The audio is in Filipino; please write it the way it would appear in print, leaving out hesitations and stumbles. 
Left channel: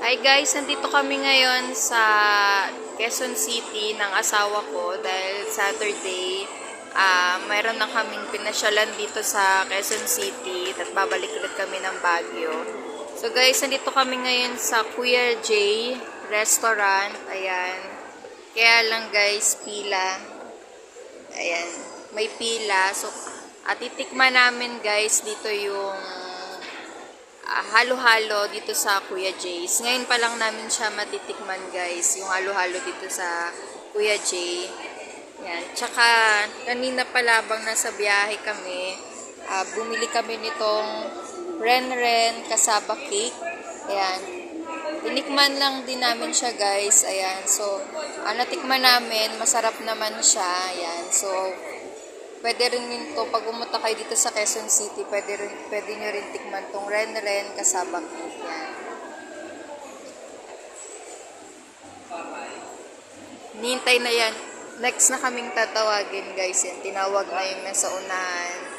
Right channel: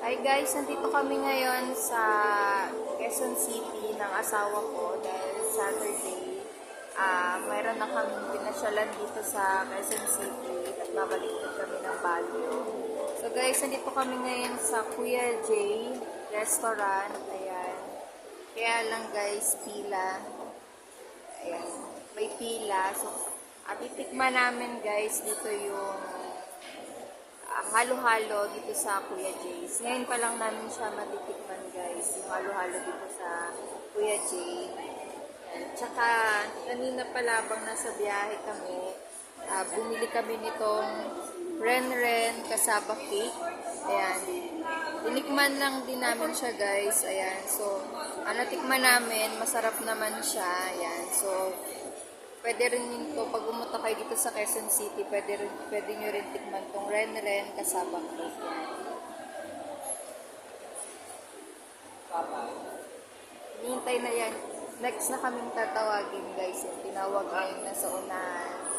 Hi guys, nandito kami ngayon sa Quezon City ng asawa ko dahil Saturday, mayroon na kaming pinasyalan dito sa Quezon City at babalik ulit kami ng Baguio. So guys, nandito kami ngayon sa Kuya J Restaurant. Ayan. Kaya lang guys, pila. Ayan. May pila. So, at titikman namin guys dito yung halo-halo dito sa Kuya J's. Ngayon pa lang namin siya matitikman guys, yung halo-halo dito sa Kuya J. Yan. Tsaka kanina pala bang nasa biyahe kami, bumili kami nitong Ren-Ren Kasaba Cake. Ayan. Tinikman lang din namin siya guys. Ayan. So, natikman namin, masarap naman siya. Ayan. So, pwede rin yun to, pag pumunta kayo dito sa Quezon City, pwede nyo rin tikman tong Ren-Ren Kasaba Cake. Yan. Nihintay na yan. Next na kaming tatawagin guys. Yan. Tinawag na yung nasa unahan.